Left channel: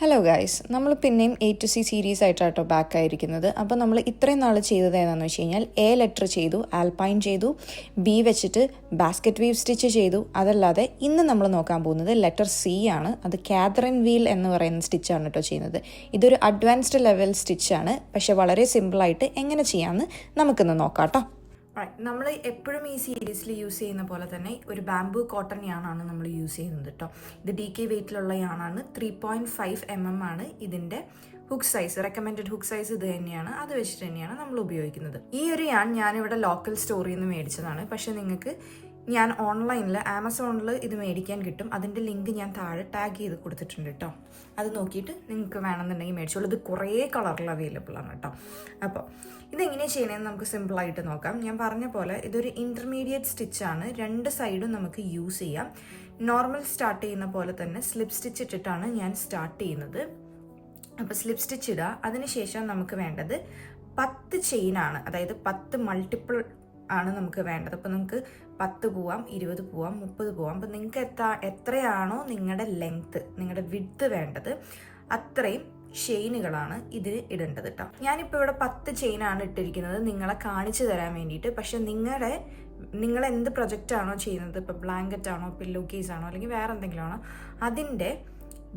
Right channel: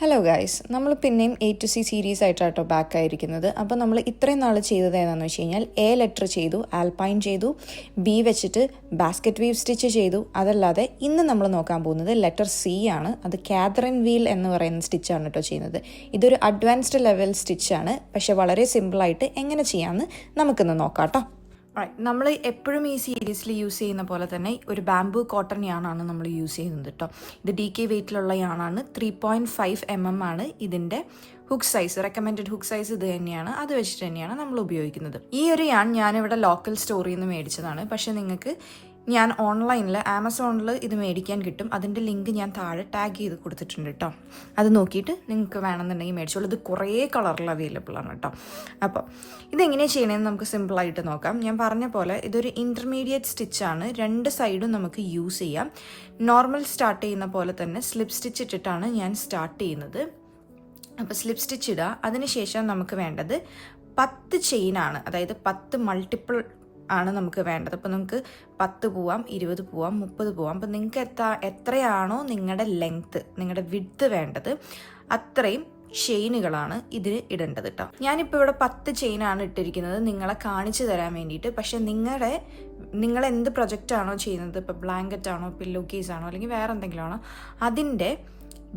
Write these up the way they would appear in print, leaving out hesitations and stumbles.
Hello guys, നമ്മൾ പിന്നെയും A to C series ആയിട്ടാട്ടോ ബാക്ക് ആയിരിക്കുന്നത്. അപ്പോൾ നമ്മൾ ഇത്രയും നാൾ ചെയ്തത് ഏതാണെന്ന് വെച്ച് കഴിഞ്ഞാൽ A ലെറ്റർ ചെയ്തു, ആൽപൈൻ ചെയ്തു, B വെച്ചിട്ട് ബാസ്ക്കറ്റ് വീവ് സ്റ്റിച്ച് ചെയ്തു. അതല്ലാതെ ഇന്ന് നമ്മൾ നോക്കാൻ പോകുന്നത് ലെറ്റർ C ആണ്. അത് കാതറിൻ വീൽ എന്ന് പറയുന്ന സ്റ്റിച്ചാണ് കേട്ടോ ചെയ്യുന്നത്. ഇതൊരു അഡ്വാൻസ്ഡ് ലെവൽ സ്റ്റിച്ചാണ്, പക്ഷെ വളരെ സിമ്പിളായിട്ട് എങ്ങനെ ചെയ്യാമെന്ന് നമുക്കിന്ന് നോക്കാം കേട്ടോ. നമ്മൾ എപ്പോഴും ഈ സീരീസിൽ യൂസ് ചെയ്യുന്ന പോലെ തന്നെ ഒരു ബാംബൂ കോട്ടൺ യാണാണ് നമ്മൾ യൂസ് ചെയ്യുന്നത് കേട്ടോ. ഇത് DK വെയ്റ്റിലുള്ള യാണാണ്. 3.5 mm ആണ് ഇതിൻ്റെ hook size. Recommended hook size ഇത് തന്നെയാണ്. അത് വെച്ചിട്ട് തന്നെയാണ് നമ്മൾ ഉപയോഗിക്കുന്നത്. ഈ ഒരു യാൺ ഞാനിവിടെ ലോക്കൽ സ്റ്റോറിൽ നിന്ന് മേടിച്ചതാണ്. പക്ഷേ നിങ്ങൾക്ക് ഞാൻ ഓൺലൈനിൽ ആമസോണിൽ ഇത് മേടിക്കാൻ കിട്ടും. അതിൻ്റെ ലിങ്ക് ഞാൻ താഴെ ടാഗ് ചെയ്ത് കൊടുത്തിട്ടുണ്ട് കേട്ടോ. അത് നോക്കിയിട്ട് നിങ്ങൾക്ക് വേണമെന്നുണ്ടെങ്കിൽ മേടിച്ചോളൂ. ഇത് കുറേ കളറിൽ അവൈലബിൾ ആണ് കേട്ടോ. അപ്പോൾ ഇതെങ്ങനെയാണ് ചെയ്യണമെന്ന് നമുക്ക് സിമ്പിളായിട്ട് നോക്കാം. ഞാൻ പറഞ്ഞ പോലെ ഇതൊരു ഇൻ്റർമീഡിയറ്റ് സ്റ്റിച്ചാണ്. രണ്ട് സൈഡും നമുക്ക് യൂസ് ചെയ്യാം. നോർമൽ സ്റ്റാർട്ട് ചെയ്യുന്ന പോലെ തന്നെ സ്ലിപ്പ് സ്റ്റിച്ച് ഇട്ടിട്ടാണ് ഞാൻ സ്റ്റാർട്ട് ചെയ്യുന്നത്. അപ്പോൾ സ്ലിപ്പ് സ്റ്റിച്ച് ഇടുക. അതിനുശേഷം നമുക്ക് വേണ്ടത് 10 ചെയിനാണ്, അതായത് 10 മൾട്ടിപ്പിൾ ആണ് നമുക്ക് വേണ്ടത്. അപ്പോൾ നമുക്ക് 10 പോവാം, 20 പോവാം, 30 പോവാം. അപ്പോൾ നിങ്ങൾക്ക് എത്രയാണോ നിങ്ങളുടെ ലെങ്ത്ത്, നിങ്ങളുടെ വിഡ്ത്ത് വേണ്ടത് അത്രയും ചെയിനുകളാണ് ഇതിന് ഇടേണ്ടത് കേട്ടോ. ഞാനിപ്പോൾ ഇവിടെ 10 ചെയിനാണ് ഇട്ടിരിക്കുന്നത് നിങ്ങളെ കാണിച്ചു തരാൻ വേണ്ടിയിട്ട്. പക്ഷെ നിങ്ങൾ എന്ത് പ്രൊജക്റ്റാണോ ചെയ്യുന്നത്, ഇപ്പോൾ ബ്ലാങ്കറ്റ് ആണോ, പില്ലോ കേസ് ആണോ, അല്ലെങ്കിൽ വേറെ എന്തെങ്കിലും ആണോ, അതിൻ്റെ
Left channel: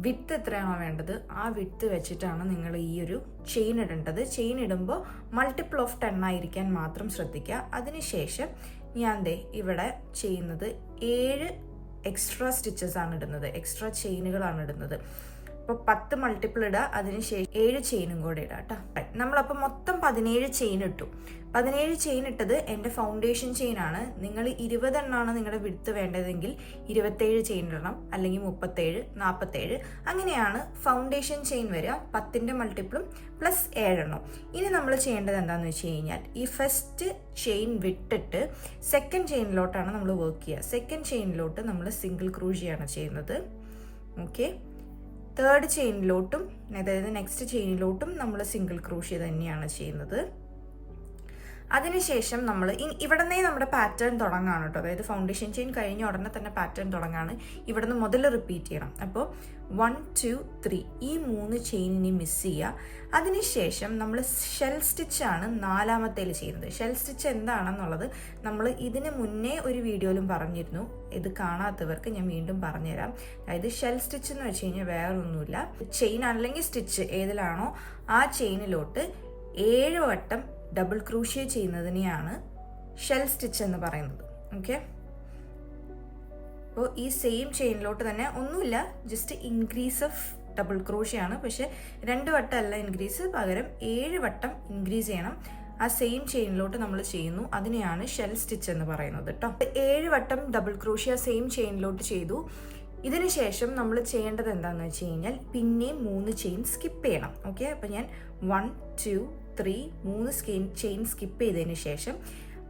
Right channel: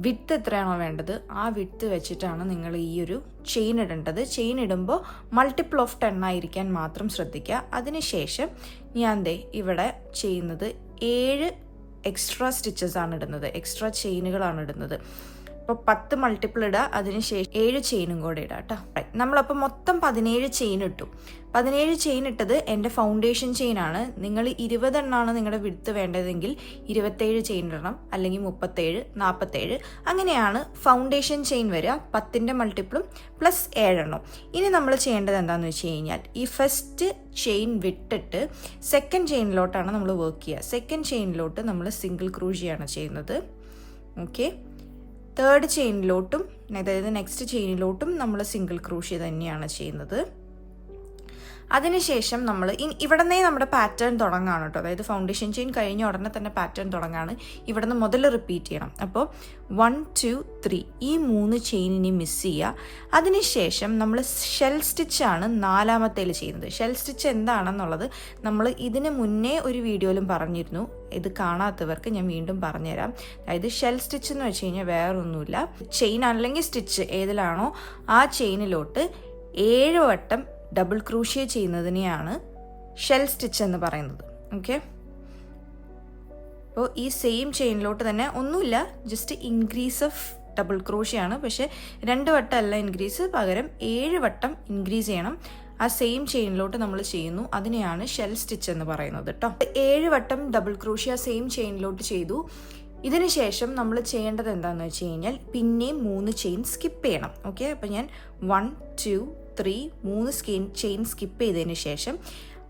വിഡ്ത്ത് എത്രയാണോ വേണ്ടത് ആ വിഡ്ത്ത് വെച്ചിട്ടാണ് നിങ്ങൾ ഈ ഒരു ചെയിൻ ഇടേണ്ടത്. ചെയിൻ ഇടുമ്പോൾ മൾട്ടിപ്പിൾ ഓഫ് 10 ആയിരിക്കാൻ മാത്രം ശ്രദ്ധിക്കുക. അതിനുശേഷം ഞാൻ ഇവിടെ ചെയ്യുന്നത് 7 എക്സ്ട്രാ സ്റ്റിച്ചസ് ആണ് ഇടുന്നത്, എക്സ്ട്രാ ചെയിനുകളാണ് ഇടുന്നത്. അപ്പോൾ 10 മൾട്ടിപ്പിൾ ഇടുക, അതിനുശേഷം 7 ചെയിനും കൂടെ ഇടുക കേട്ടോ. നമ്മളപ്പോൾ മൊത്തം 17 ചെയിൻ ഇട്ടു. 17 ചെയിൻ ഇട്ടത് എൻ്റെ ഫൗണ്ടേഷൻ ചെയിനാണ്. നിങ്ങൾ 20 എണ്ണമാണ് നിങ്ങളുടെ വിഡ്ത്ത് വേണ്ടതെങ്കിൽ 27 ചെയിൻ ഇടണം, അല്ലെങ്കിൽ 37, 47 അങ്ങനെയാണ് ഫൗണ്ടേഷൻ ചെയിൻ വരിക. 10ൻ്റെ മൾട്ടിപ്പിളും പ്ലസ് 7 എണ്ണം. ഇനി നമ്മൾ ചെയ്യേണ്ടത് എന്താണെന്ന് വെച്ച് കഴിഞ്ഞാൽ ഈ ഫസ്റ്റ് ചെയിൻ വിട്ടിട്ട് സെക്കൻഡ് ചെയിനിലോട്ടാണ് നമ്മൾ വർക്ക് ചെയ്യുക. സെക്കൻഡ് ചെയിനിലോട്ട് നമ്മൾ സിംഗിൾ ക്രൂഷിയാണ് ചെയ്യുന്നത്. ഓക്കെ, തേർഡ് ചെയിനിലോട്ടും, അതായത് നെക്സ്റ്റ് ചെയിനിലോട്ടും നമ്മൾ സിംഗിൾ ക്രൂഷ്യ തന്നെയാണ് ചെയ്യുന്നത്. അതിനുശേഷം നമ്മൾ ഇവിടെ നിന്നേ നമ്മുടെ പാറ്റേൺ തുടങ്ങാണ് കേട്ടോ. അതായത് ഫൗണ്ടേഷൻ ചെയിൻ കഴിഞ്ഞ ഉടനെ തന്നെ പാറ്റേൺ തുടങ്ങാണ്. ഇവിടെ നിന്ന് മുതൽ റിപ്പീറ്റ് ചെയ്യണം. അപ്പോൾ 1, 2, 3 ഈ 3 ചെയിനിനെ മിസ് ചെയ്യുക. അതിനുശേഷം നമ്മൾ ഷെൽ സ്റ്റിച്ചാണ് 4ാമത്തേൽ ചെയ്യുന്നത്. ഷെൽ സ്റ്റിച്ച് എന്താണെന്നുള്ളത് നമ്മൾ ഇതിന് മുന്നേ ഒരു വീഡിയോയിലും പറഞ്ഞിരുന്നു. ഇത് കാണാത്തവർക്ക് ഞാൻ വീണ്ടും പറഞ്ഞുതരാം. അതായത് ഷെൽ സ്റ്റിച്ച് എന്ന് വെച്ച് കഴിഞ്ഞാൽ വേറൊന്നുമില്ല, ചെയിൻ അല്ലെങ്കിൽ സ്റ്റിച്ച് ഏതിലാണോ ആ ചെയിനിലോട്ട് 7 വട്ടം ഡബിൾ ക്രൂഷ്യ ചെയ്യുന്നതിനെയാണ് ഷെൽ സ്റ്റിച്ച് എന്ന് പറയുന്നത്. ഓക്കെ, അപ്പോൾ ഈ സെയിം ചെയിനിലോട്ട് തന്നെ ഒന്നുമില്ല, ജസ്റ്റ് ഇൻക്രീസ് ഓഫ് ഡബിൾ ക്രൂഷ്യാണ്. പക്ഷെ 2 വട്ടം അല്ല ഇൻക്രീസ്, പകരം 7 വട്ടം ഇൻക്രീസ് ചെയ്യണം. ആ സെയിം ചെയിനിലോട്ട് നമ്മൾ ചെയ്യുന്നു, അതിനെയാണ് ഷെൽ സ്റ്റിച്ച് എന്ന് പറയുന്നത് കേട്ടോ. 7 വട്ടം ഡബിൾ ക്രൂഷ്യ സെയിം ചെയിനിലോട്ട് ചെയ്തു. ഇതിന് ശേഷം നമ്മൾ ചെയ്യേണ്ടത് എന്താണെന്ന് വെച്ച് കഴിഞ്ഞാൽ പിന്നെയും 3 ചെയിൻ സ്കിപ്പ് ചെയ്യണം. ഓക്കെ, അപ്പോൾ ഞാൻ 1, 2, 3 3 ചെയിൻ സ്കിപ്പ് ചെയ്തതിന് ശേഷം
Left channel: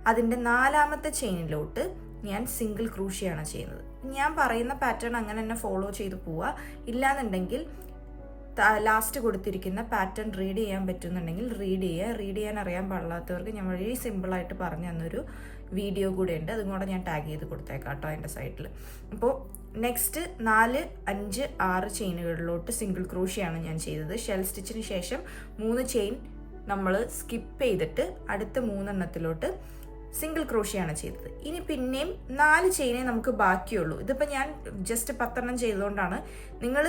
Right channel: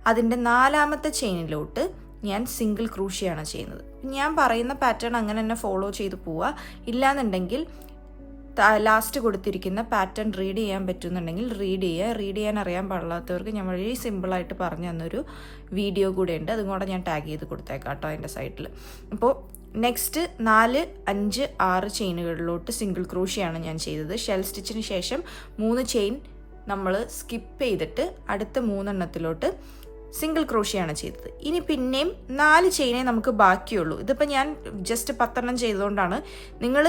അതിൻ്റെ 4ാമത്തെ ചെയിനിലോട്ട് ഞാൻ സിംഗിൾ ക്രൂഷ്യാണ് ചെയ്യുന്നത്. ഞാൻ പറയുന്ന പാറ്റേൺ അങ്ങനെ തന്നെ ഫോളോ ചെയ്ത് പോവുക. ഇല്ലാന്നുണ്ടെങ്കിൽ ലാസ്റ്റ് കൊടുത്തിരിക്കുന്ന പാറ്റേൺ റീഡ് ചെയ്യാൻ പറ്റുന്നുണ്ടെങ്കിൽ റീഡ് ചെയ്യുക. റീഡ് ചെയ്യാൻ അറിയാൻ പാടില്ലാത്തവർക്ക് ഞാൻ വളരെ സിമ്പിളായിട്ട് പറഞ്ഞു തന്നൊരു വീഡിയോ കൂടെ ഉണ്ട്, അതും കൂടെ ഞാൻ ടാഗ് ചെയ്ത് കൊടുത്തേക്കാം കേട്ടോ അതിൻ്റെ സൈഡിൽ. അപ്പോൾ നെക്സ്റ്റ് 4, 5, 6 ചെയിനുകളിലോട്ട് സിംഗിൾ ക്രൂഷ്യാണ് ഞാൻ ചെയ്തത്. ഷെൽ സ്റ്റിച്ചിന് ശേഷം 3 ചെയിൻ നമ്മൾ സ്കിപ്പ് ചെയ്തിട്ട് അടുത്ത 3 എണ്ണത്തിലോട്ട് സിംഗിൾ ക്രോഷ്യാണ് ചെയ്തത്. ഇനി പിന്നെയും 4 ചെയിനേ നമുക്ക് ബാക്കിയുള്ളൂ. ഇതിപ്പോൾ ഞാൻ ജസ്റ്റ് 10 എണ്ണം ചെയ്തതുകൊണ്ടാണ്. നിങ്ങൾ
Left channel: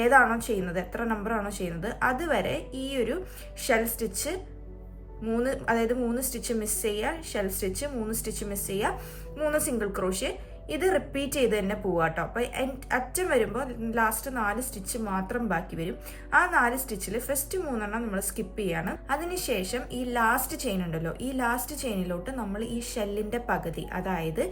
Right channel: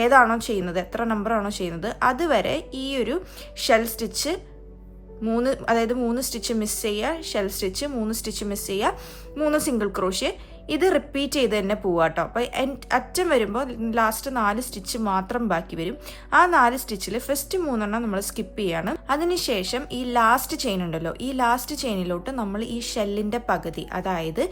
ഏതാണോ ചെയ്യുന്നത്, എത്ര നമ്പറാണോ ചെയ്യുന്നത്, അതുവരെ ഈ ഒരു ഷെൽ സ്റ്റിച്ച് 3, അതായത് 3 സ്റ്റിച്ച് മിസ് ചെയ്യുക, ഷെൽ സ്റ്റിച്ച് 3 സ്റ്റിച്ച് മിസ് ചെയ്യുക, 3 സിംഗിൾ ക്രോഷ്യ, ഇത് റിപ്പീറ്റ് ചെയ്ത് തന്നെ പോവുക കേട്ടോ. അപ്പോൾ അറ്റം വരുമ്പോൾ ലാസ്റ്റ് 4 സ്റ്റിച്ച് മാത്രം ബാക്കി വരും. ആ 4 സ്റ്റിച്ചിൽ ഫസ്റ്റ് 3 എണ്ണം നമ്മൾ സ്കിപ്പ് ചെയ്യാണ്. അതിനുശേഷം ഈ ലാസ്റ്റ് ചെയിൻ ഉണ്ടല്ലോ, ഈ ലാസ്റ്റ് ചെയിനിലോട്ട് നമ്മൾ ഈ ഷെല്ലിൻ്റെ പകുതി, അതായത്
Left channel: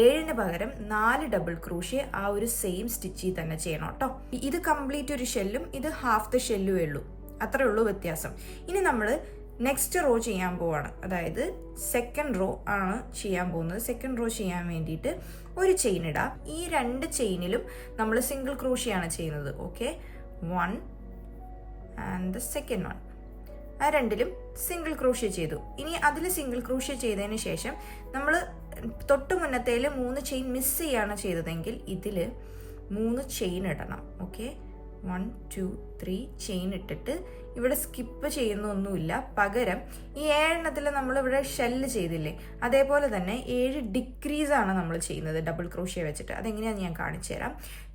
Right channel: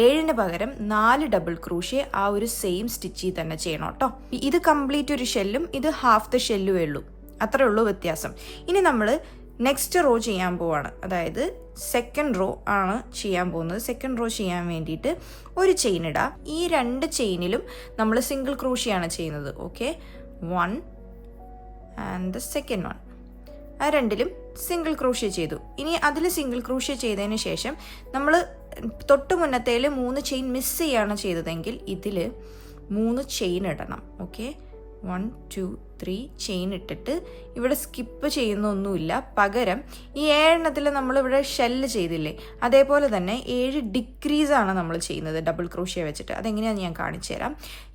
7ന് പകരം 4 ഡബിൾ ക്രൂഷ്യ ആ ഒരു സെയിം സ്റ്റിച്ചിൽ തന്നെ ചെയ്യണം കേട്ടോ. ഇത് കംപ്ലീറ്റ് ഒരു ഷെല്ലും ഇത് ഹാഫ് ദ ഷെല്ലുമേ ഉള്ളൂ, അത്രേ ഉള്ളൂ വ്യത്യാസം. ഇനി നമ്മൾ നെക്സ്റ്റ് റോ ചെയ്യാൻ പോവാണ്, അതായത് സെക്കൻഡ് റോ ആണ് ചെയ്യാൻ പോകുന്നത്. സെക്കൻഡ് റോ ചെയ്യാൻ വേണ്ടിയിട്ട് ഒരു ചെയിൻ ഇടാം. ഈ 2 ചെയിനിലും നമ്മൾ സിംഗിൾ ക്രൂഷ്യാണ് ചെയ്യുന്നത്. ഓക്കെ, 1 ആൻഡ് ദ സെക്കൻഡ് 1, ആ 2ലും സിംഗിൾ ക്രൂഷ്യ ചെയ്തു. ഇനി അതിൽ സിംഗിൾ ക്രൂഷ്യ ചെയ്തതിന് ശേഷം നമ്മൾ തൊട്ട് മുന്നത്തേൽ 3 ചെയിൻ മിസ് ചെയ്യാണ് ചെയ്തതെങ്കിൽ ഇതിൽ 3 ചെയിൻ ഇടണം. ഓക്കെ, 1 2 3 ചെയിൻ ഇട്ടിട്ട് ഇവിടെ സ്കിപ്പ് ചെയ്യുന്നൊന്നുമില്ല. പകരം ഈ 7 നമ്മളിവിടെ ഷെല്ല് ചെയ്തില്ലേ, അതേപോലെ തന്നെ 7 ഡിക്രീസാണ് നമ്മൾ ചെയ്യുന്നത് ഡബിൾ ക്രോഷ്യ വെച്ചിട്ട്. അതെങ്ങനെയാണെന്ന് ഞാൻ കാണിച്ചു തരാം.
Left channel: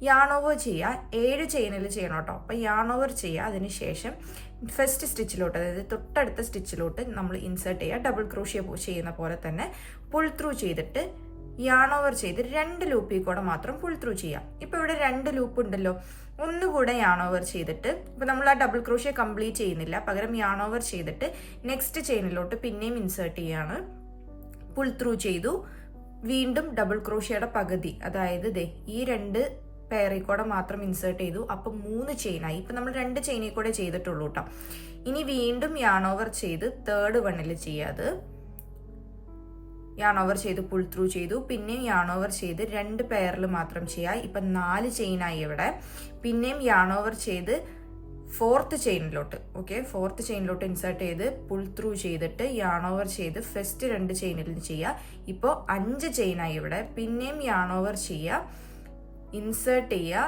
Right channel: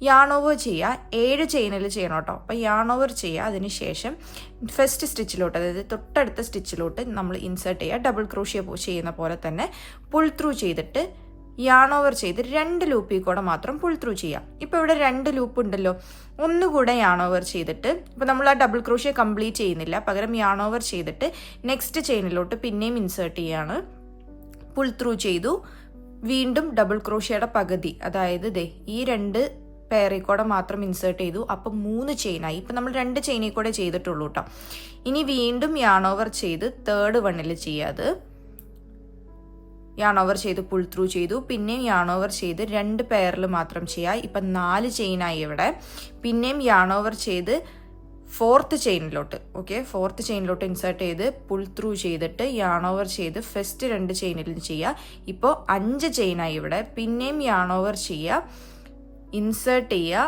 യാൺ ഓവർ ചെയ്യുക, 7 ചെയിനിൽ ചെയ്യണം കേട്ടോ. അപ്പോൾ യാൺ ഓവർ ചെയ്യുക, അതിനുശേഷം ഫസ്റ്റ് സ്റ്റിച്ചിലോട്ട്, അതായത് തൊട്ടടുത്ത സ്റ്റിച്ചിലോട്ട് നമ്മൾ ഇൻസേർട്ട് ചെയ്യുക. ഡബിൾ ക്രോഷ്യ ചെയ്യുന്ന പോലെ തന്നെ പുൾ ത്രൂ ചെയ്തിട്ട് യാൺ ഓവർ ചെയ്ത് 2 ലൂപ്പിൽ കൂടെ മാത്രം പുൾ ത്രൂ ചെയ്യാം. ഇപ്പോൾ ഇവിടെ 2 ലൂപ്പ് ഉണ്ടല്ലോ, ഒന്നുകൂടെ യാൺ ഓവർ ചെയ്തിട്ട്, ഇപ്പോൾ നമ്മൾ ആ ഡബിൾ ക്രോഷ്യ കംപ്ലീറ്റ് ചെയ്യുന്നില്ല, പകരം യാൺ ഓവർ ചെയ്തിട്ട് നെക്സ്റ്റ് ചെയിനിലോട്ട് പിന്നെയും ഇൻസേർട്ട് ചെയ്യാണ്. പുൾ ത്രൂ ചെയ്തു, വീണ്ടും ഡബിൾ ക്രോഷ്യയുടെ പകുതി, അതായത് ഈ 2 പെയറിൽ കൂടെ മാത്രം ഇൻസേർട്ട് ചെയ്തു. അപ്പം 3 ചെയിനായി. ഇപ്പം നമ്മൾ 2 ചെയിനിൽ കൂടെ ചെയ്തിട്ടുള്ളൂ കേട്ടോ. ഇനി വീണ്ടും യാൺ ഓവർ ചെയ്ത് തേർഡ് വണ്ണിൽ ചെയ്യാത് യാൺ ഓവർ ചെയ്ത് പുൾ ത്രൂ ചെയ്തു, പിന്നെയും യാൺ ഓവർ ചെയ്ത് 2 പെയറിൽ മാത്രം ചെയ്യുക. ഇപ്പം 4 ചെയിനായി ഇവിടെ. പിന്നെയും യാൺ ഓവർ ചെയ്ത് ഫോർത്ത് ചെയിനിലോട്ട്, ഓക്കെ, ഫോർത്ത് ചെയിനിലോട്ട് ഇൻസേർട്ട് ചെയ്ത് പുൾ ത്രൂ ചെയ്തിട്ട് യാൺ ഓവർ ചെയ്ത് ഫസ്റ്റ് 2 ചെയിനിൽ ചെയ്യുക. ഇപ്പോൾ 5 ചെയിനായി ഇവിടെ. പിന്നെയും യാൺ ഓവർ ചെയ്യുക, ഇൻസേർട്ട് ചെയ്യുക,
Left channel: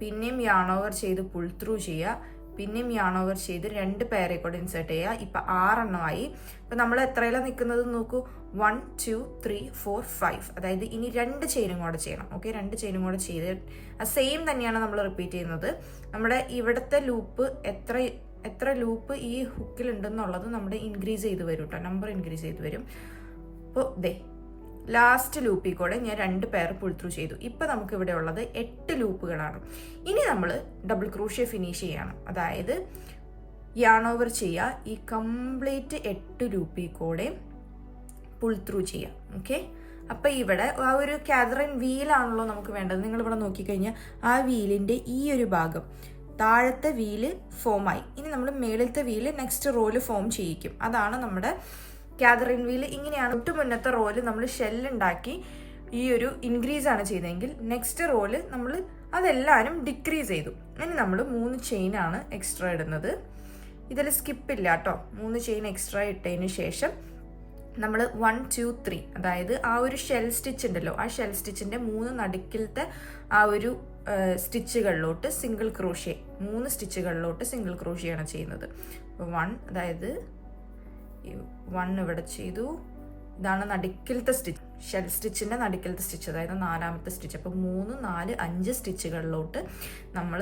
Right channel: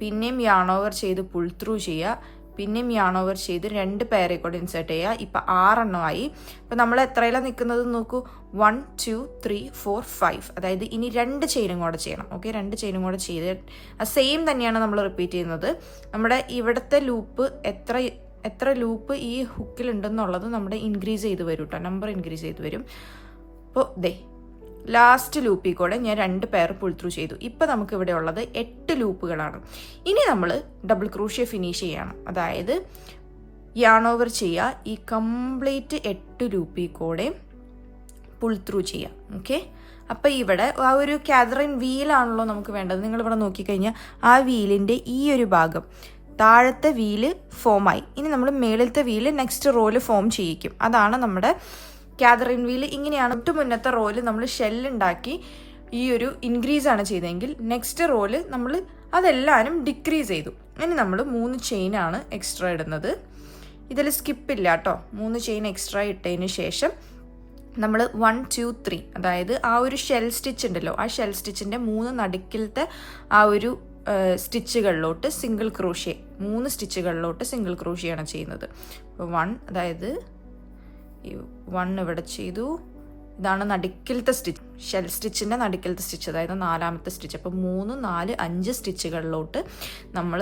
പിന്നെയും യാൺ ഓവർ ചെയ്ത് പുൾ ത്രൂ ചെയ്യുക, പിന്നെയും യാൺ ഓവർ ചെയ്ത് 2 പെയറിൽ കൂടെ ഇൻസേർട്ട് ചെയ്യുക. ഇപ്പം 6 എണ്ണമായി. ഇപ്പം നമ്മൾ എത്രയിലാണ് നിൽക്കുന്നത് നോക്കൂ, 1 2 3 4 5. അതായത് ഇനി 2 ചെയിനും കൂടെ ചെയ്യണം. ഓക്കെ, 2 ചെയിനും കൂടെ ചെയ്ത് സെയിം തന്നെയാണ് നമ്മൾ റിപ്പീറ്റ് ചെയ്യുന്നത്. നമ്മുടെ ഇവിടുത്തെ ലൂപ്പ് എത്ര ലൂപ്പ് ഈ ഹുക്കിലുണ്ടെന്നുള്ളത് നമ്മുടെ ഇൻക്രീസ് ചെയ്ത് വരും കേട്ടോ, നമ്പർ ഇൻക്രീസ് ചെയ്ത് വരും. അപ്പോൾ ലാസ്റ്റ് ലൂപ്പിൽ കൂടെ ഞാൻ 2 പെയർ പുൾ ത്രൂ ചെയ്തു. ഇപ്പം നമുക്ക് ഇവിടെ ഉള്ളത് 8 ലൂപ്പുകളാണ്. ഇനി നമ്മൾ ഡബിൾ ക്രോഷ്യ ഫിനിഷ് ചെയ്യണം. അതായത് യാൺ ഓവർ ചെയ്യുക, ഈ കംപ്ലീറ്റ് 8 ലൂപ്പിൽ കൂടെ പുൾ ത്രൂ ചെയ്യാം. ഓക്കെ, അപ്പം ഇവിടെ ആ ഒരു കാതറിൻ വീലാണല്ലോ നമുക്ക് വേണ്ടത്. നിങ്ങളിവിടെ നോക്കിക്കഴിഞ്ഞാൽ ആ വീലിൻ്റെ ഈ ഒരു ഭാഗം, താഴത്തെ വീല് ഫോമായി. ഇനി നമ്മൾ മേളിലത്തെ വീല് നെക്സ്റ്റ് റോയിൽ ഫോം ചെയ്യിക്കും. അതാണ് നമ്മുടെ കാതറിൻ വീല്. ഇങ്ങനെയാണ്. തൊട്ട് മുന്നത്തെ റോല് നമ്മൾ ഷെല്ലുണ്ടാക്കി ഈ ഒരു ഇൻക്രീസ് ആണ് ചെയ്തതെങ്കിൽ നെക്സ്റ്റ് റോല് നമ്മൾ അതെല്ലാവരും ഡിക്രീസ് ചെയ്തു. ഇനി നമ്മൾ 3 ചെയിനാണ് എക്സ്ട്രാ ഇടുന്നത്. ഇതിൽ സ്കിപ്പില്ല കേട്ടോ. 3 ചെയിൻ എക്സ്ട്രാ ഇട്ടതിന് ശേഷം നമ്മൾ 1 2 3, അതായത് ആ ഒരു ഷെൽ സ്റ്റിച്ച് ഉണ്ടല്ലോ, ആ ഷെൽ സ്റ്റിച്ചിൻ്റെ 3 നടുക്കിലത്തെ ആ ഒരു സ്റ്റിച്ചുകളിലോട്ട് സിംഗിൾ ക്രോഷ്യ, 3 സ്റ്റിച്ചുകളിലോട്ട് സിംഗിൾ ക്രോഷ്യയാണ് ചെയ്യുന്നത്. 1, അതായത് 1 ഇവിടെ ചെയ്തു. ഇതാണ് നടുക്കിലത്തെ സ്റ്റിച്ച്, ഷെൽ സ്റ്റിച്ചിൻ്റെ നടുക്കിലത്തെ സ്റ്റിച്ച്, അതായത് 4ാമത്തെ സ്റ്റിച്ച്. അപ്പോൾ 3 4 5 സ്റ്റിച്ചുകളിലോട്ട് നമ്മൾ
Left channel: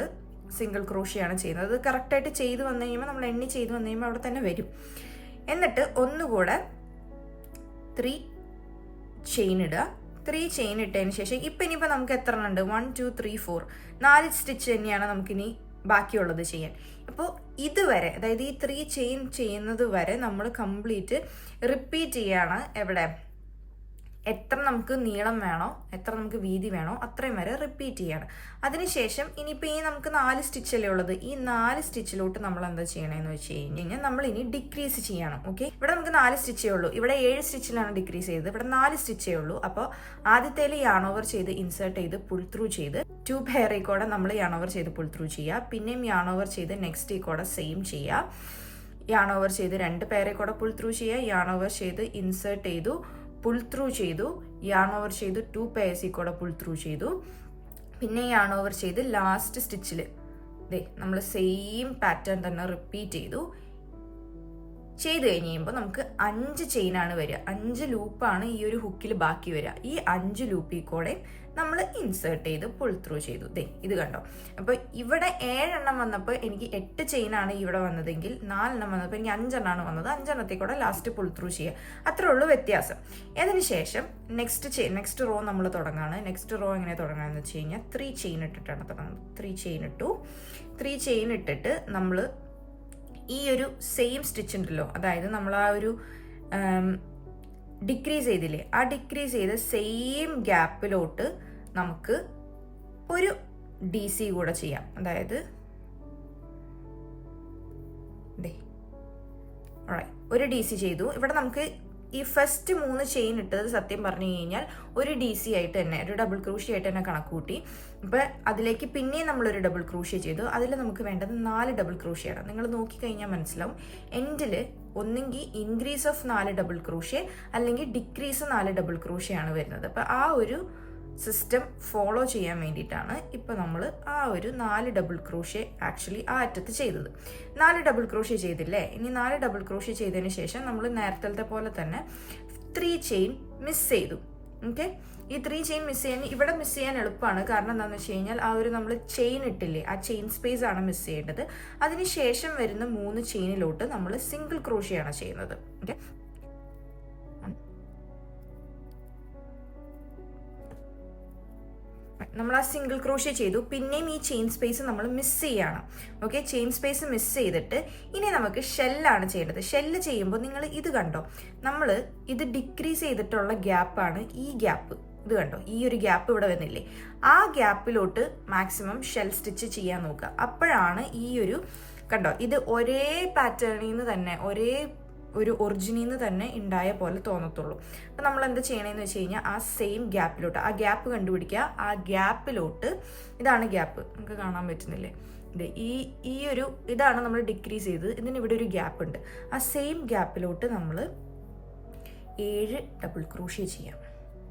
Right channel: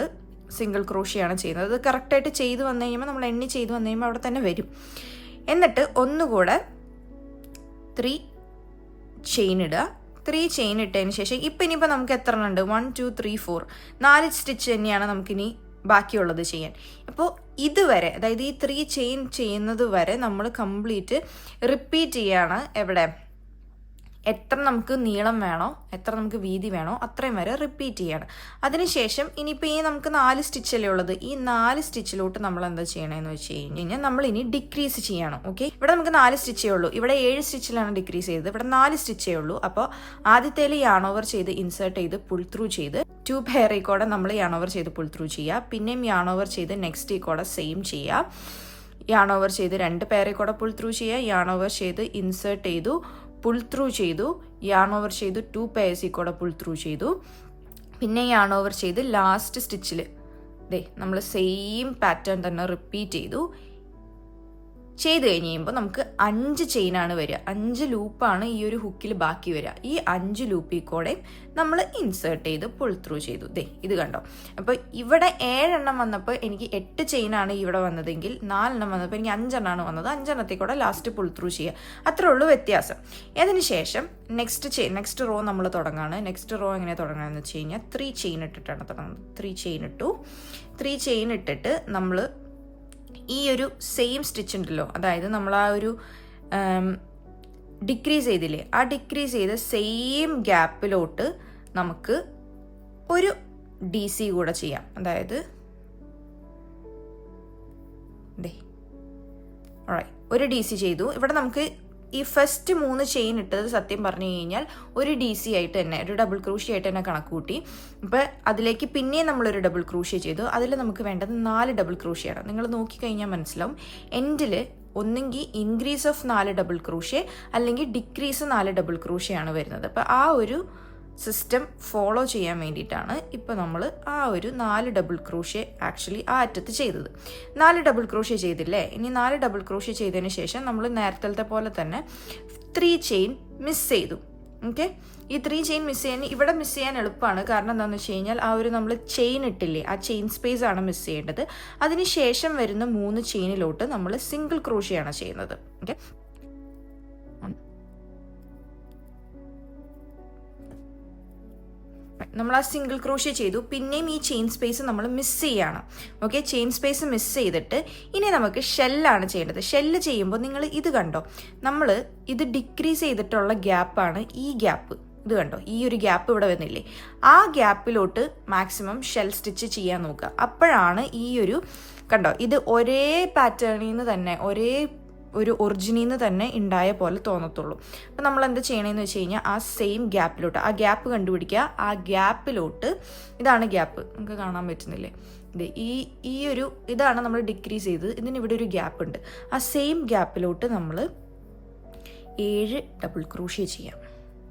സിംഗിൾ ക്രോഷ്യയാണ് ചെയ്യുന്നത്. അത് കറക്റ്റായിട്ട് ചെയ്ത് വന്നു കഴിയുമ്പോൾ, നമ്മൾ എണ്ണി ചെയ്ത് വന്നു കഴിയുമ്പോൾ അവിടെ തന്നെ വരും. എന്നിട്ട് ഒന്നുകൂടെ 3 ചെയിൻ ഇടുക. 3 ചെയിൻ ഇട്ടതിന് ശേഷം ഇപ്പം ഇനിയിപ്പോൾ നമുക്ക് എത്ര ഉണ്ട്, 1 2 3 4, 4 സ്റ്റിച്ച് തന്നെയാണ് നമുക്കിനി ബാക്കിയുള്ളത് ചെയ്യാൻ. അപ്പോൾ ഇതുവരെ, അതായത് ഈ 3 ചെയിൻ ചെയ്യുന്നത് വരെ നമ്മൾ കംപ്ലീറ്റ് റിപ്പീറ്റ് ചെയ്യാണ്. എവിടെ എത്ര നമുക്ക് നീളം വേണോ, എത്ര നമുക്ക് വീതി വേണോ, അത്രയും വരെ റിപ്പീറ്റ് ചെയ്യാണ്. അതിനുശേഷം ഇനിയിപ്പോൾ ഈ നമുക്ക് 4 സ്റ്റിച്ചല്ലേ ഉള്ളത്, ഈ 4 സ്റ്റിച്ചിലോട്ട് നമ്മൾ എന്താ ചെയ്യണമെന്ന് വെച്ച് കഴിഞ്ഞാൽ നമ്മൾ ഇനി ഡിക്രീസ് ചെയ്യണം. ഓക്കെ, ഇവിടെ നമുക്ക് 4 സ്റ്റിച്ചേ ഉള്ളൂ. ഇവിടെ 7 സ്റ്റിച്ചിലാണ് ഡിക്രീസ് ചെയ്തത്, ഇവിടെ 4 സ്റ്റിച്ചേ ഉള്ളൂ. അപ്പോൾ ആദ്യത്തേൽ യാൺ ഓവർ ചെയ്ത് ഇൻസേർട്ട് ചെയ്ത് പുൾ ത്രൂ ചെയ്ത് 2 പെയറിൽ കൂടെ നമ്മൾ യാൺ ഓവർ ചെയ്ത് പുൾ ത്രൂ ചെയ്യുക. പിന്നെയും യാൺ ഓവർ ചെയ്ത് നെക്സ്റ്റ് ഈ കൂടെ സെയിം ചെയ്യുക. യാൺ ഓവർ ചെയ്ത് 2 പെയറിൽ കൂടെ പുൾ ത്രൂ ചെയ്യുക. യാൺ ഓവർ ചെയ്ത് ഇൻസേർട്ട് ചെയ്തു, പുൾ ത്രൂ ചെയ്തു. യാൺ ഓവർ ചെയ്ത് 2 പെയർസിൽ കൂടെ പുൾ ത്രൂ ചെയ്തു. പിന്നെ യാൺ ഓവർ ചെയ്ത് ലാസ്റ്റ് സ്റ്റിച്ചിൽ നമ്മൾ സെയിം പാറ്റേൺ തന്നെ റിപ്പീറ്റ് ചെയ്ത് കഴിഞ്ഞ് കഴിയുമ്പോൾ നമുക്ക് 5 ചെയിനാണ് വരിക. 5 ലൂപ്പാണ് ഈ ഒരു ഹുക്കിൽ ബാക്കി വരിക. ഈ 5 ലൂപ്പിൽ കൂടെ നമ്മൾ ഇൻസേർട്ട് ചെയ്ത് പുൾ ത്രൂ ചെയ്തു. ഇത് കണ്ടോ. അപ്പോൾ ഇവിടെ 7 എണ്ണം വന്നപ്പോൾ എനിക്ക് 8 ചെയിനാണ് ഇവിടെ വന്നതെങ്കിൽ 4 എണ്ണം വന്നപ്പോൾ എനിക്ക് 5 എണ്ണമാണ് വന്നത്. 5 എണ്ണത്തിൽ കൂടെ ലാസ്റ്റ് പുൾ ത്രൂ ചെയ്യുക. അത്രേ ഉള്ളൂ വ്യത്യാസം. അതിന് ശേഷം നെക്സ്റ്റ് റോ നമ്മൾ തുടങ്ങുകയാണ്. നെക്സ്റ്റ് റോ എങ്ങനെ തുടങ്ങുകയെന്ന് വെച്ച് കഴിഞ്ഞാൽ 3 ചെയിൻ ഇട്ടിട്ടാണ് തുടങ്ങുന്നത്. 3 ചെയിൻ ഇട്ടു. 3 ചെയിൻ ഇട്ടിട്ട് നമ്മൾ ഈ ഒരു സെയിം സ്റ്റിച്ച് ഉണ്ടല്ലോ, അതായത് നമ്മൾ ആ ഒരു ഡിക്രീസ് ചെയ്തില്ലേ, ആ ഡിക്രീസ് ചെയ്ത് സെയിം ഗ്യാപ്പിലോട്ട് നമുക്ക് ഒരു DC കൂടെ ചെയ്യാം. അതായത് ഒരു DC ചെയ്തു. ഇവിടെ നമുക്ക് ഈ ഫസ്റ്റ് 3 ചെയിൻ ഇട്ടത് സത്യം പറഞ്ഞു കഴിഞ്ഞാൽ ഒരു DC ആയിട്ട് തന്നെ, ഒരു ഡബിൾ ക്രൂഷ്യ ആയിട്ട് തന്നെ കണക്ക് കൂട്ടി. അപ്പോൾ അതിലേക്ക് പിന്നെയും നമ്മളൊരു ഡബിൾ ക്രൂഷ്യ ചെയ്തു. അതിൽ നമുക്ക് വേണ്ടത് 4 ഡബിൾ ക്രൂഷ്യയാണ്. നിങ്ങൾ നോക്കിക്കഴിഞ്ഞാൽ മനസ്സിലാവും. എൻഡിൽ ഒന്നെങ്കിൽ ഇൻക്രീസ് ഓഫ് 4 ഡബിൾ ക്രൂഷ്യ അല്ലെങ്കിൽ ഡിക്രീസ് 4 ഡബിൾ ക്രൂഷ്യയാണ് വരുന്നത്. അപ്പോൾ ആ ഒരു സിസ്റ്റം ഫോളോ ചെയ്യാൻ വേണ്ടിയിട്ടാണ് ഇപ്പോൾ നമ്മൾ ആ ഒരു 4 ഡബിൾ ക്രോഷ്യ ആക്ച്വലി ആ അറ്റത്ത് ചെയ്തത്. 4 ഡബിൾ ക്രോഷ്യ ചെയ്തില്ലേ? ഇനി 4 ഡബിൾ ക്രോഷ്യ ചെയ്തതിന് ശേഷം നമ്മൾ നേരത്തെ പോലെ തന്നെ 3 ചെയിൻ മിസ് ചെയ്തു. ഓക്കെ, ഈ 3 ചെയിൻ മിസ് ചെയ്യാൻ ഇവിടെ മിസ് ചെയ്യാൻ എളുപ്പമാണ്. കാരണം എന്താണെന്ന് വെച്ച് കഴിഞ്ഞാൽ ആ ഒരു നമ്മൾ ചെയിൻ ഇട്ടില്ലേ, ആ ചെയിൻ സ്പേസ് ആണ് മിസ് ചെയ്യേണ്ടത്. അതിന് ശേഷം വരുന്ന 3 ചെയിനിലോട്ട് നമ്മൾ സിംഗിൾ ക്രോഷ്യാണ് ചെയ്യുന്നത്. ഓക്കെ, നമ്മൾ ആ സിംഗിൾ ക്രോഷ്യ ചെയ്തു. പിന്നെയും ഈ ചെയിൻ സ്പേസ് നമ്മൾ മിസ് ചെയ്യാണ്. ഓക്കെ, ചെയിൻ സ്പേസ് മിസ് ചെയ്തിട്ട് ഇനി നമുക്ക് ഷെല്ലാണ് ചെയ്യേണ്ടത്. ഷെല്ല് ചെയ്യുമ്പോൾ നിങ്ങൾ ഇത് കണ്ടോ, നമ്മൾ ഇത് ഡിക്രീസ് ചെയ്തിട്ടുള്ള ഗ്യാപ്പാണ് ഈ ഗ്യാപ്പ്. ഇത് കണ്ടോ, ഈ ഒരു ഗ്യാപ്പ് ഇവിടെ വന്നില്ലേ? ആ ഗ്യാപ്പിലോട്ട് മാക്സിമം ഷെൽ സ്റ്റിച്ച് ചെയ്യാൻ നോക്കുക. അപ്പോഴാണ് ഈ ഒരു കണ്ടോ, ഇത് ഒരേ പാറ്റേണിൽ നിന്ന് തന്നെ ഒരു ഒറിജിനിൽ നിന്ന് തന്നെ ഉണ്ടായ പോലെ തോന്നത്തുള്ളൂ. അപ്പം നമ്മൾ എന്ത് ചെയ്യണമെന്ന് വെച്ച് കഴിഞ്ഞാൽ ആ സെയിം ഗ്യാപ്പിലോട്ട്, ആ ഗ്യാപ്പ് കണ്ടുപിടിക്കുക. ആ ഗ്യാപ്പിലോട്ട്, ഇതാണ് ഗ്യാപ്പ്, നമുക്ക് കാണാൻ പറ്റുന്നില്ലേ? ഇത് ഇതാണ് നമ്മൾ ഡിക്രീസ് ചെയ്തത്. ഇതിന് ഇവിടെ ഒരു ഗ്യാപ്പ് ഉണ്ട്. ആ സെയിം ഗ്യാപ്പിലോട്ട് നമ്മൾ 7 ഡബിൾ ക്രോഷ്യ ചെയ്യാം.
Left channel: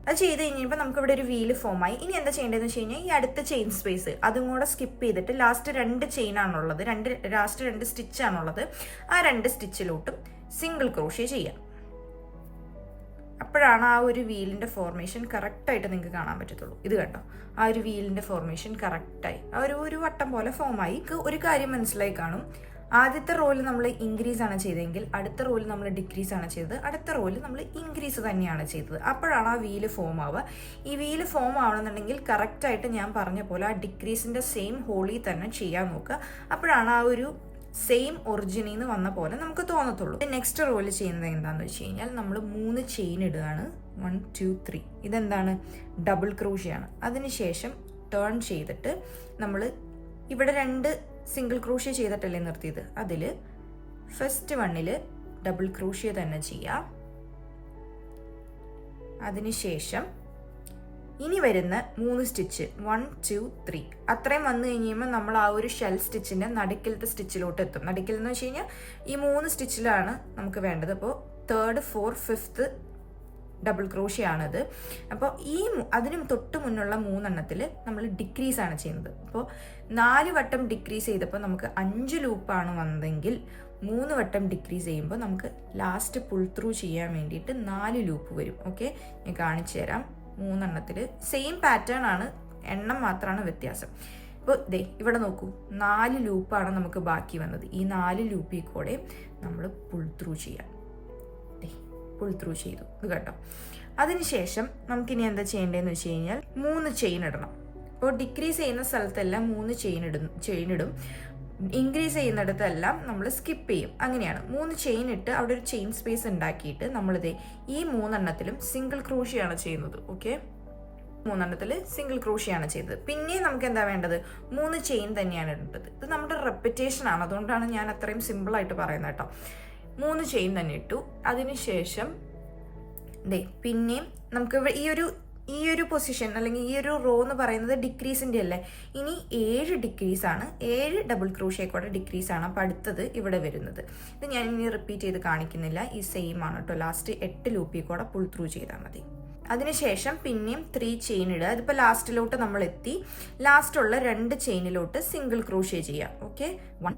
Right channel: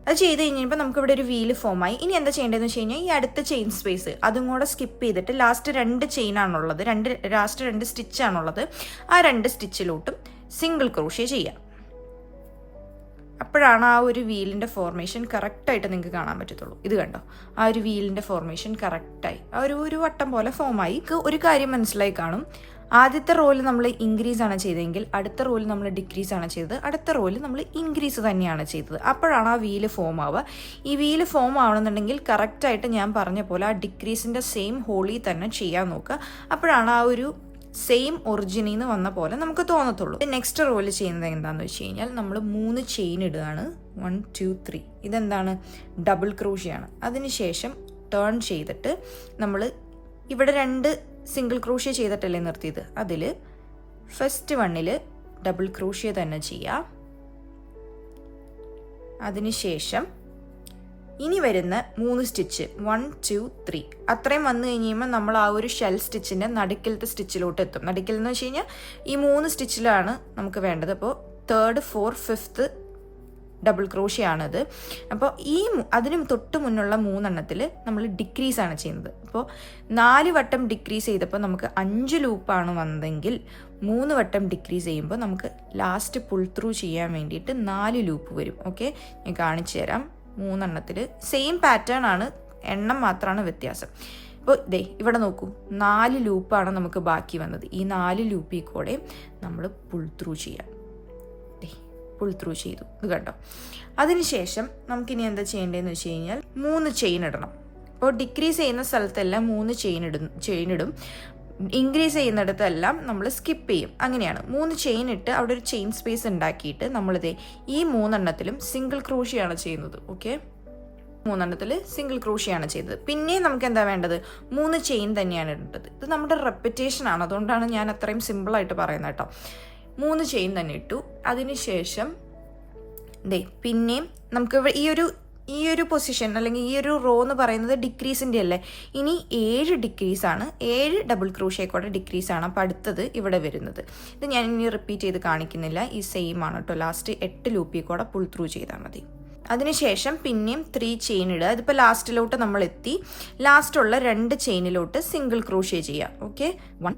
അത് ചെയ്ത് കഴിഞ്ഞപ്പോൾ നമുക്ക് ഇവിടെ ഒരു വീല് ഫോമായി. ഇനി എന്താ ചെയ്യേണ്ടതെന്ന് വെച്ച് കഴിഞ്ഞാൽ ഈ അടുത്ത ചെയിൻ സ്പേസ് അതും കൂടെ സ്കിപ്പ് ചെയ്തിട്ട് ലാസ്റ്റ് 2 ചെയിനാണുള്ളത്, ലാസ്റ്റ് 2 സ്റ്റിച്ചാണുള്ളത്. ആ 2 സ്റ്റിച്ചിലോട്ടും സിംഗിൾ ക്രോഷ്യ ചെയ്യാം. അപ്പോഴാണ് ആ ഒരു വീലിൻ്റെ ഫോർമേഷൻ കറക്റ്റായിട്ട് നിങ്ങൾക്ക് കാണാൻ പറ്റത്തുള്ളൂ. ഇത് കണ്ടോ, ആ ഒരു വീലിൻ്റെ ഫോർമേഷൻ കറക്റ്റായി ആ ഒരു വട്ടം പോലെ ഫോമായി. ഒരു കാര്യം മനസ്സിലായി കാണും, ആദ്യത്തെ റോയിൽ നമ്മൾ ഇൻക്രീസ് ആണ് ചെയ്തതെങ്കിൽ അടുത്ത റോയിൽ നമ്മൾ ഡിക്രീസ് ആണ് ചെയ്തത്, അടുത്ത റോയിൽ നമ്മൾ ഇൻക്രീസ് തന്നെയാണ് ചെയ്തത്. അപ്പോഴാണ് ആ വീല് ഫോം ആവുക. ഈ വീല് ഫോം ആവണമെന്നുണ്ടെങ്കിൽ കറക്റ്റായിട്ട് ഞാൻ പറഞ്ഞ പോലെ ആ ഡിക്രീസിൻ്റെ സെയിം ഹോളിൽ തന്നെ ചെയ്യാൻ നോക്കുക. അപ്പോഴാണ് ആ ഒരു സെയിം ഒറിജിനിൽ നിന്ന് വന്ന പോലെ നമുക്ക് തോന്നത്തുള്ളൂ. നെക്സ്റ്റ് റോയിൽ ചെയ്യുന്നത് എന്താണെന്ന് വെച്ച് കഴിഞ്ഞാൽ നമ്മൾ 3 ചെയിൻ ഇടുകയാണ്. 1 2 3. ഇതെന്താണ്? ഡബിൾ ക്രോഷ്യാണ്. അതിനുശേഷം ടേൺ ചെയ്തിട്ട് നമ്മൾ ഇവിടെ 2 സിംഗിൾ ക്രോഷ്യ ചെയ്തിട്ടല്ലേ നിർത്തിയത്, അതിൽ ഫസ്റ്റ് 1ൽ ഡബിൾ ക്രോഷ്യ തന്നെ ചെയ്യാം. അതിനുശേഷം ഇനി വരുന്ന 3 സ്റ്റിച്ച് 1 2 3 അത്രയും വന്നു കഴിയുമ്പോൾ നമ്മൾ ആ ഒരു ഷെൽ സ്റ്റിച്ചിൻ്റെ നടുക്കിലത്തെ സ്റ്റിച്ചിലോട്ട് എത്തും. നടുക്കിൽ എന്ന് വെച്ച് കഴിഞ്ഞാൽ ഈ 3 സ്റ്റിച്ചിലാണ് നമുക്ക് വേണ്ടത്. അപ്പോൾ 3rd 4th 5th double crochet ആണത്. അപ്പോൾ അതിന് തൊട്ട് മുന്നുള്ള 3 എണ്ണത്തിൽ നമ്മൾ ഡിക്രീസ് ആണ് ചെയ്യുന്നത്. അപ്പോൾ 4 വട്ടം ഡിക്രീസ് ചെയ്തപ്പോൾ നമുക്ക് 5 ലൂപ്പാണ് വന്നതെങ്കിൽ 3 വട്ടം ഡിക്രീസ് ചെയ്യുമ്പോൾ നമുക്ക് ലാസ്റ്റ് പുൾ ത്രൂ ചെയ്യാൻ വേണ്ടിയിട്ട് 4 ലൂപ്പ് വരും. ഓക്കെ, ഞാൻ കാണിച്ചു തരാം. 3 എണ്ണത്തിൽ സെയിം പാറ്റേൺ ആണ്, എണ്ണം മാത്രമാണ് വ്യത്യാസം. ഇപ്പോൾ ഇവിടെ നോക്കൂ, 4 ലൂപ്പാണ് നമുക്ക് ബാക്കി വന്നത്. ഈ 4 ലൂപ്പിൽ കൂടെ നമ്മൾ പുൾ ത്രൂ ചെയ്യാം. പുൾ ത്രൂ ചെയ്തു, ഇത് കണ്ടോ. അതിനുശേഷം നമുക്കിനി എന്താ ചെയ്യേണ്ടതെന്ന് വെച്ച് കഴിഞ്ഞാൽ 3 ചെയിൻ ഇടണം. അപ്പോൾ ഡിക്രീസ് ചെയ്യുന്ന സ്ഥലത്തെല്ലാം 3 ചെയിൻ ഇടും. ഇൻക്രീസ് ചെയ്യുന്നിടത്തെല്ലാം നമ്മൾ സ്കിപ്പ് ചെയ്യും. അങ്ങനെയാണ് 3 ചെയിൻ ഇട്ട് അവിടെ ഒരു ചെയിൻ സ്പേസ് ഉണ്ടാക്കിയിട്ട് നമ്മളിത് ഈ 3 എണ്ണത്തിലും സിംഗിൾ ക്രോഷ്യാണ് ചെയ്യുന്നത്. ഓക്കെ, 3 എണ്ണത്തിൽ സിംഗിൾ ക്രോഷ്യാണ് ചെയ്തത്. പിന്നെ നമുക്ക് എന്താ വേണ്ടത്? 3 ചെയിൻ തന്നെയാണ് ഇടേണ്ടത്. ഇത് നമ്മുടെ റെപ്പിറ്റേഷൻ ആണ്, അതുകൊണ്ടാണ് ഞാൻ അത്രയും സിമ്പിളായിട്ട് പറയുന്നത് കേട്ടോ. 3 ചെയിൻ തന്നെ ഇട്ടു. അതിനുശേഷം പിന്നെയും നമുക്ക് ഈ ഒരു പൊസിഷൻ അല്ലെങ്കിൽ ഈ ഒരു റോ എന്ന് പറയുന്നത് ഡിക്രീസിൻ്റെ അല്ലേ. ഇനി 7 ഡിക്രീസാണ്, 7 ഡബിൾ ക്രോഷ്യേക്കോടെ ഡിക്രീസാണ്. അപ്പോൾ അടുത്തത് ഇവിടെ വരുന്നത്. ഇത് ഞാൻ ഇനി റിപ്പീറ്റ് ചെയ്ത് കാണിക്കുന്നില്ല, ഈ സെയിം ആണ് കേട്ടോ. ലാസ്റ്റ് 8 ലൂപ്പിൽ കൂടെ പുൾ ത്രൂ ചെയ്താൽ മതി. അതിനുശേഷം പിന്നെയും 3 ചെയിൻ ഇടുക. ഇതിപ്പോൾ ലാസ്റ്റിലോട്ട് നമ്മൾ എത്തി. ലാസ്റ്റുള്ള 2 ചെയിനിലോട്ട് സിംഗിൾ ക്രോഷ്യ ചെയ്യാം. ഓക്കെ, 1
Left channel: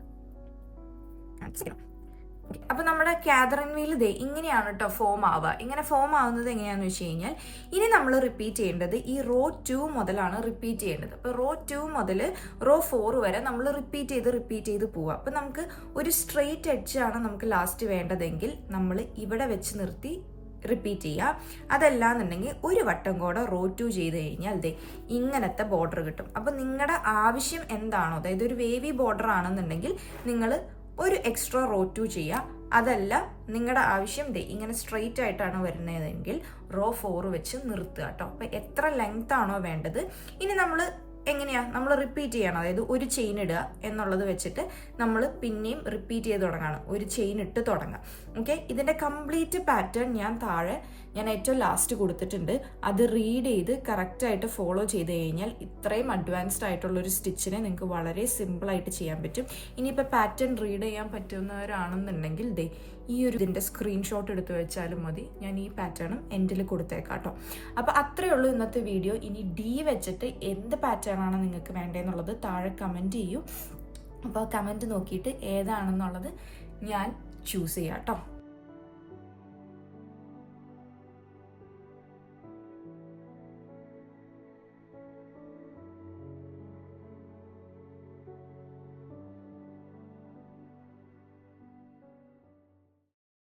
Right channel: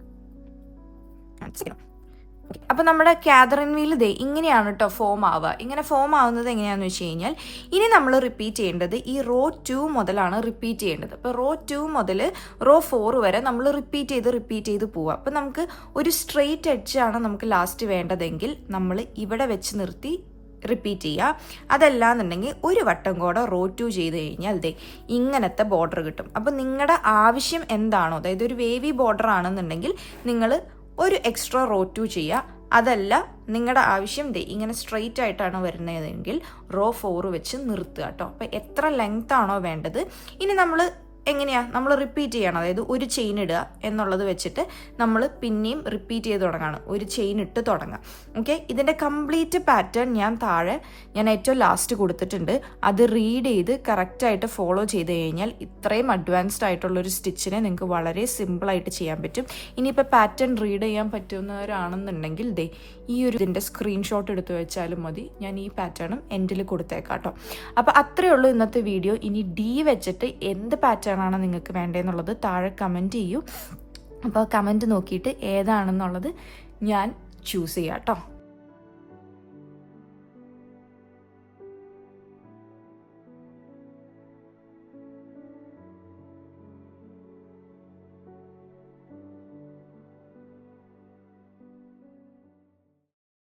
അപ്പോൾ നമ്മുടെ കാതറിൻ വീൽ ഇങ്ങനെയാണ് കേട്ടോ ഫോം ആവുക. ഇങ്ങനെ ഫോം ആവുന്നത് എങ്ങനെയാണെന്ന് വെച്ച് കഴിഞ്ഞാൽ ഇനി നമ്മൾ റിപ്പീറ്റ് ചെയ്യേണ്ടത് ഈ റോ 2 മുതലാണ് റിപ്പീറ്റ് ചെയ്യേണ്ടത്. അപ്പോൾ റോ 2 മുതൽ റോ 4 വരെ നമ്മൾ റിപ്പീറ്റ് ചെയ്ത് പോവുക. അപ്പോൾ നമുക്ക് ഒരു സ്ട്രെയിറ്റ് എഡ്ജാണ് നമുക്ക് ലാസ്റ്റ് വേണ്ടതെങ്കിൽ നമ്മൾ ഇവിടെ വെച്ച് നിർത്തി റിപ്പീറ്റ് ചെയ്യുക. അതല്ലാന്നുണ്ടെങ്കിൽ ഒരു വട്ടം കൂടെ റോ 2 ചെയ്ത് കഴിഞ്ഞാൽ ഇങ്ങനത്തെ ബോർഡർ കിട്ടും. അപ്പോൾ നിങ്ങളുടെ ആവശ്യം എന്താണോ, അതായത് ഒരു വേവി ബോർഡർ ആണെന്നുണ്ടെങ്കിൽ നിങ്ങൾ ഒരു എക്സ്ട്രാ റോ 2 ചെയ്യുക. അതല്ല നിങ്ങളുടെ ആവശ്യം ഇങ്ങനെ സ്ട്രെയിറ്റ് ആയിട്ടാണ് വരുന്നതെങ്കിൽ റോ 4 വെച്ച് നിർത്തുക കേട്ടോ. അപ്പോൾ എത്ര ലെങ്ത് ആണോ വേണ്ടത്, ഇനി നമ്മൾ എങ്ങനെയാണ് നമ്മൾ റിപ്പീറ്റ് ചെയ്യണം, അതായത് ഒരു ചെയിൻ ഇടുക എന്നുള്ളത് വെച്ചിട്ട് നമ്മൾ പിന്നെയും റിപ്പീറ്റ് ചെയ്ത് തുടങ്ങണം, ഒരു ചെയിൻ ഇട്ട് തുടങ്ങാം. ഓക്കെ, ഇതിൻ്റെ കംപ്ലീറ്റ് പാറ്റേൺ ഞാൻ ഏറ്റവും ലാസ്റ്റ് കൊടുത്തിട്ടുണ്ട്. അത് റീഡ് ചെയ്ത് കറക്റ്റായിട്ട് ഫോളോ ചെയ്ത് കഴിഞ്ഞാൽ ഇത്രയും അഡ്വാൻസ്ഡ് ആയിട്ടുള്ളൊരു സ്റ്റിച്ചിനെ നിങ്ങൾക്ക് വളരെ സിമ്പിളായിട്ട് ചെയ്യാൻ പറ്റും. ഇനിയിപ്പോൾ പാറ്റേൺ റീഡ് ചെയ്യാൻ പറ്റുന്നവരാണെന്നുണ്ടെങ്കിൽ ഈ ഒരു ഇതിൻ്റെ സ്ക്രീൻഷോട്ട് എടുത്ത് വെച്ചാലും മതി. ഞാൻ ഈ പാറ്റേണും എൻഡിൽ കൊടുത്തേക്കാം കേട്ടോ. അപ്പോൾ അത്രയേ ഉള്ളൂ ഇന്നത്തെ വീഡിയോ. ഇനി ഡി വെച്ചിട്ട് എന്ത് പാറ്റേൺ ആണ് നിങ്ങൾക്ക് വേണ്ടതെന്നുള്ളത് താഴെ കമൻറ്റ് ചെയ്യൂ. അപ്പോൾ കമൻറ്റ് നോക്കിയിട്ട് ഏതാണെന്നുള്ളത് ഞാൻ ചൂസ് ചെയ്യാം കേട്ടോ.